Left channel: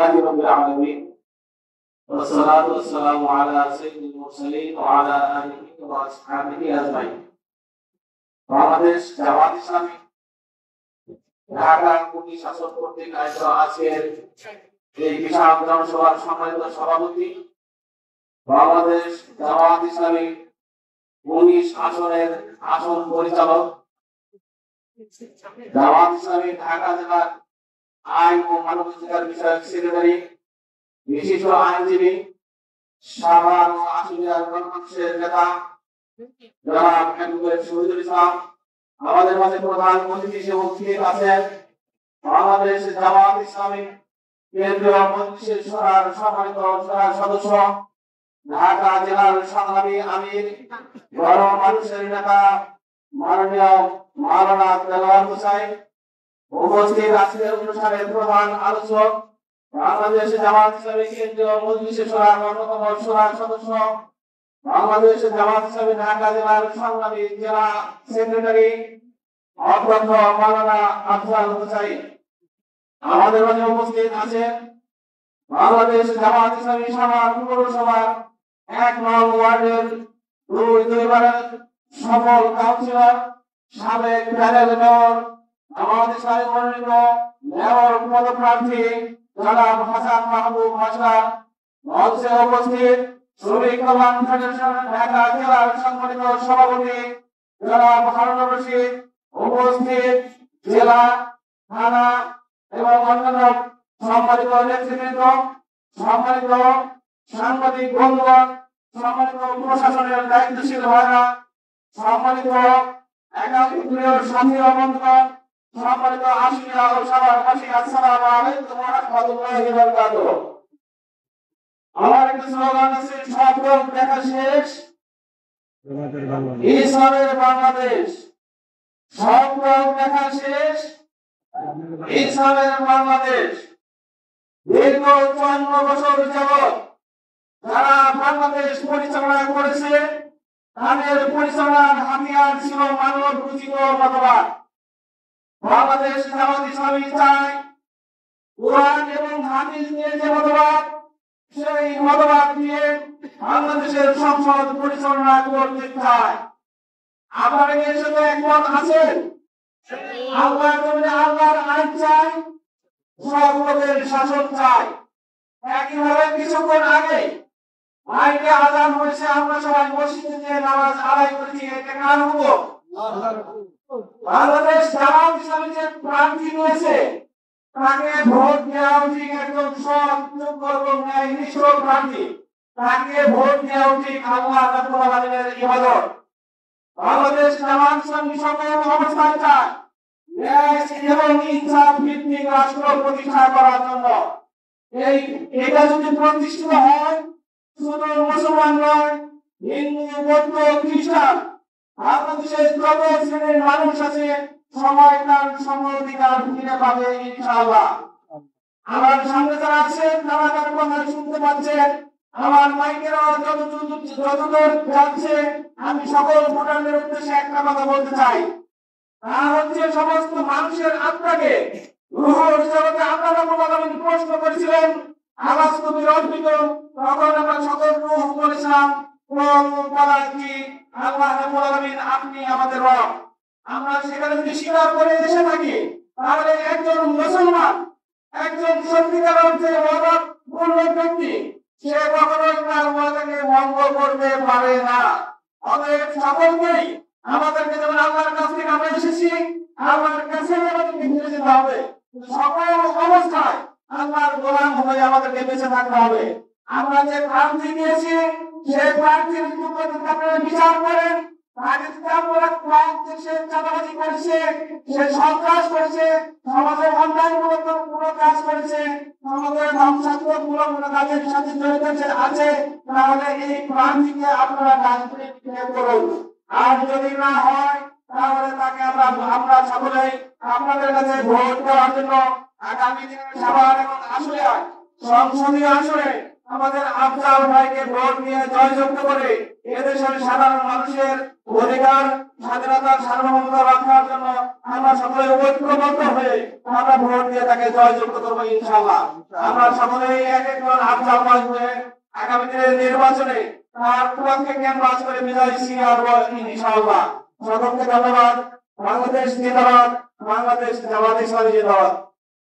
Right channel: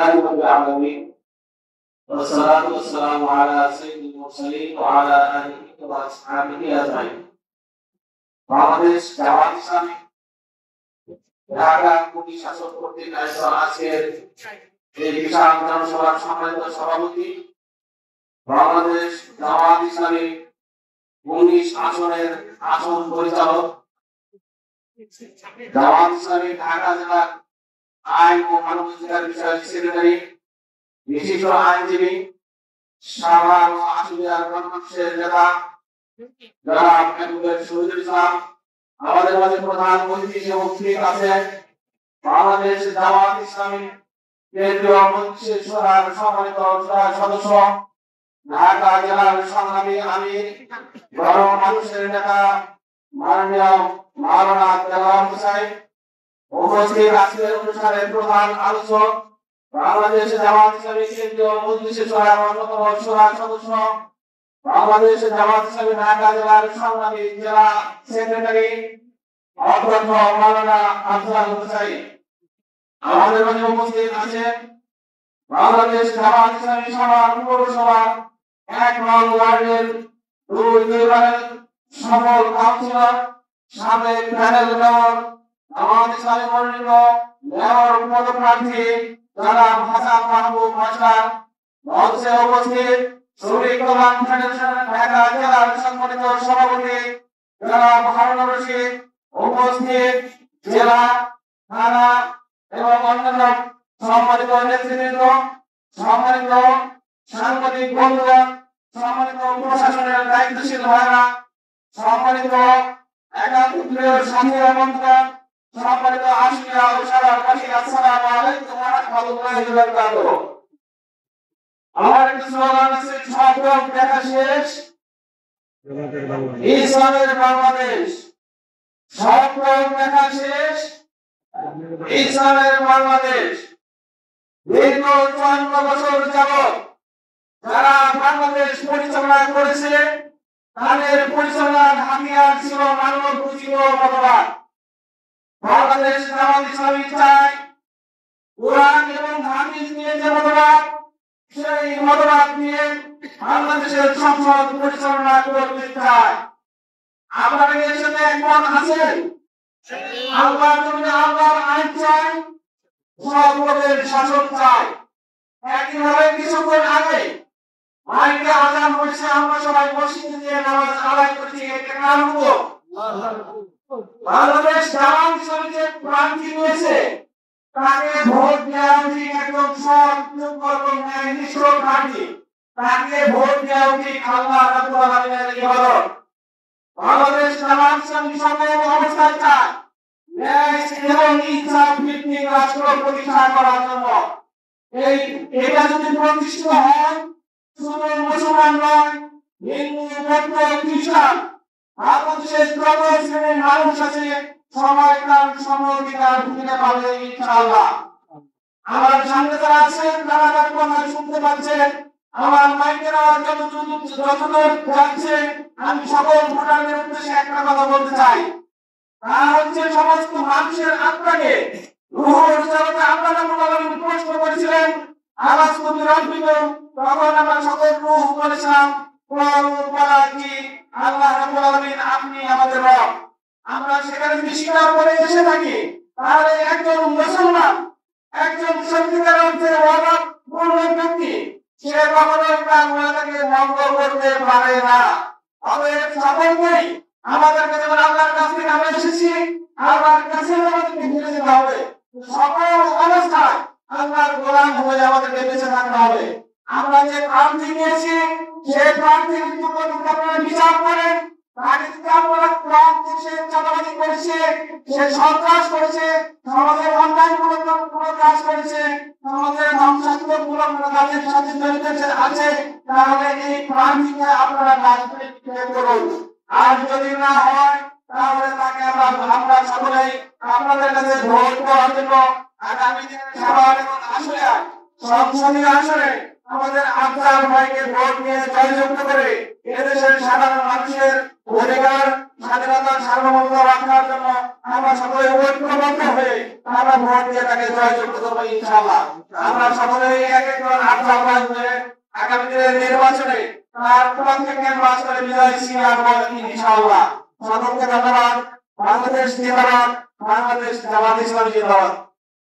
رب العالمين والصلاة والسلام على سيد المرسلين وعلى آله وأصحابه أجمعين। বাংলাদেশ জামাত ইসলামী ঢাকা কুটি শাসক কর্তৃক আয়োজিত আজকের এই বিশাল জনসভার সম্মানিত সভাপতি, বাংলাদেশ জামাত ইসলামী 19 আসনের আসন পরিচালক, জামাত ইসলামী ঢাকা জেলার আইন ও মানবাধিকার বিষয়ক সেক্রেটারি, বিশিষ্ট আইনজীবী, সাভার ও আশুলিয়ার গণমানুষের নেতা জনাব অ্যাডভোকেট শহীদুল ইসলাম, আমাদের মাঝে প্রধান অতিথি হিসেবে উপস্থিত আছেন বাংলাদেশ জামাত ইসলামী কেন্দ্রীয় মজলিসের শোরার সম্মানিত সদস্য, ঢাকা জেলার সংগ্রামী আমির, গণমানুষের নেতা মাননীয় মাওলানা দেলোয়ার হোসেন। উপস্থিত আজকের অনুষ্ঠানের প্রধান আলোচক, বাংলাদেশ জামাত ইসলামী কেন্দ্রীয় মজলিসের শোরার অন্যতম শোরার সদস্য, বাংলাদেশ জামাত ইসলামী ঢাকা জেলার সংগ্রামী জেলা সেক্রেটারি অধ্যক্ষ মাওলানা আফজাল হোসেন। আমাদের মাঝে উপস্থিত আছেন বাংলাদেশ জামাত ইসলামী সাভার পৌরসভা 1 নং ওয়ার্ডের দুইবারের সফল কাউন্সিলর, সাবেক প্যানেল মেয়র, জামাত ইসলামী মনোনীত মেয়র পদপ্রার্থী জনাব হাসান মাহবুব মাস্টার। মঞ্চে উপস্থিত শ্রমিক কল্যাণ ফেডারেশন ঢাকা জেলার সম্মানিত সভাপতি জনাব হারুনুর রশিদ। উপস্থিত জেলা, থানা এবং অন্যান্য সম্মানিত নেতৃবৃন্দ, সম্মানিত সাংবাদিক বন্ধুগণ, সম্মানিত প্রশাসনের দায়িত্বশীল ভাইরা, সম্মানিত একাত্তরীয় সাথী ও বন্ধুগণ, সম্মানিত আশুলিয়া ও সাভারবাসী, আসসালামু আলাইকুম ওয়া রাহমাতুল্লাহি ওয়া বারাকাতুহু। আমার একটা স্লোগান আছে, সব রোগ দেখা শেষ, ইসলামের বাংলাদেশ। সব রোগ দেখা শেষ, ইসলামের বাংলাদেশ। দীর্ঘ 54 বছর যাবৎ যারা বাংলাদেশ পরিচালনা করেছে, তাদের পরিচালনার হাতিয়ার ছিল মানব রচিত মতবাদ। বাংলাদেশ জামাত ইসলামী চায় কোরআন এবং হাদিস নিয়ে যে মতবাদ, সেই মতবাদ নিয়ে বাংলাদেশের সংসদ পরিচালনা করতে চায়। আপনারা এর সাথে একমত আছেন? আল্লাহর জমিনে আল্লাহর আইন চাই, সব লোকের শাসন চাই। একইভাবে কিছুক্ষণ আগে মাইকে আযান হয়েছে, আমরা সবাই মসজিদে গিয়ে নামাজ আদায় করছি। এটা কার হুকুম? বাংলাদেশ জামাত ইসলামী যে প্রার্থী নিয়েছে, তাকে ভোট দেওয়া উচিত একজন সৎ, যোগ্য এবং ন্যায়নিষ্ঠ প্রার্থী। তাকে ভোট দেওয়া উচিত আল্লাহ রাব্বুল আলামিনের ইবাদত। বাংলাদেশ জামাত ইসলামী সকল অবস্থায় চায় ন্যায় এবং ইনসাফ ভিত্তিক রাষ্ট্র প্রতিষ্ঠা করার জন্য। এটা যদি প্রতিষ্ঠিত হয়, শুধু মুসলমান নয়, হিন্দু, বৌদ্ধ, খ্রিস্টান, বাংলাদেশের যত শ্রেণীর মানুষ আছে সবাই তার সম অধিকার ফিরে পাবে ইনশাআল্লাহ। আমার সামনে যারা আছেন, তারা তার কথা শুনতে পাচ্ছেন। আমার মাইকের আওয়াজ যতদূর যাচ্ছে, আমি সকল ভোটারদের উদ্দেশ্যে একটা কথা বলতে চাই। তা হচ্ছে, সমস্ত মানুষের আত্মাকে রূহের জগতে আল্লাহ রাব্বুল আলামিন প্রশ্ন করেছিলেন, আলাস্তু বিরাব্বিকুম, তখন আমরা সকল রূহ বলেছিলাম কি আল্লাহ রাব্বুল আলামিন আপনি আমাদের রব। আমরা সেখানে যদি স্বীকার করে এসে থাকি, তাহলে একজন মুসলমান, একজন সত্যিকার অর্থে ওয়াদাপূর্ণ ব্যক্তি, সে কখনোই তার ওয়াদাকে ভঙ্গ করতে পারে না। অতএব সকলকেই আমাদেরকে, যেমন আল্লাহর কাছ থেকে আমরা এসেছি, আল্লাহর কাছে আমাদেরকে ফিরে যেতে হবে। সকল অবস্থায় আল্লাহর গোলাম হয়ে আমাদেরকে বেঁচে থাকতে হবে। আমরা যে প্রার্থী নিয়েছি, সেই প্রার্থীর উপর আপনারা বিচার করেন। তাকে যদি আপনারা প্রার্থী সে চাঁদাবাজি করেছে, সে সন্ত্রাস করেছে, সমাজের অন্যায়মূলক কোনো কাজ করেছে, সমাজের ধ্বংসাত্মকমূলক কোনো কাজের সাথে জড়িত আছে, তাহলে এই প্রার্থীকে আপনারা রাজনীতি করুন। আর যদি না হয়, তাহলে তাকে আমরা সকলেই আপনাদের কাছে ভোট দেওয়ার জন্য আগামী দিনে সাভার এবং আশুলিয়ায় সংসদীয় আসনে আমাদের আফজাল ভাইকে ভোট দিয়ে জয়যুক্ত করে এদেশের সাধারণ মানুষের অধিকার স্বাধীনতা সার্বভৌমত্ব রক্ষার জন্য আমরা সকলে ঐক্যবদ্ধ হয়ে আমরা ভোট দিয়ে তাকে জয়যুক্ত করবো ইনশাআল্লাহ। আমরা সকলেই এক একজন আফজাল ভাই হয়ে আগামী দিনের নির্বাচনে তার পক্ষে ক্যানভাস করে বিজয় ছিনিয়ে আনবো ইনশাআল্লাহ। সকলকে ধন্যবাদ। বাংলাদেশ জিন্দাবাদ, বাংলাদেশ জামাত ইসলামী জিন্দাবাদ।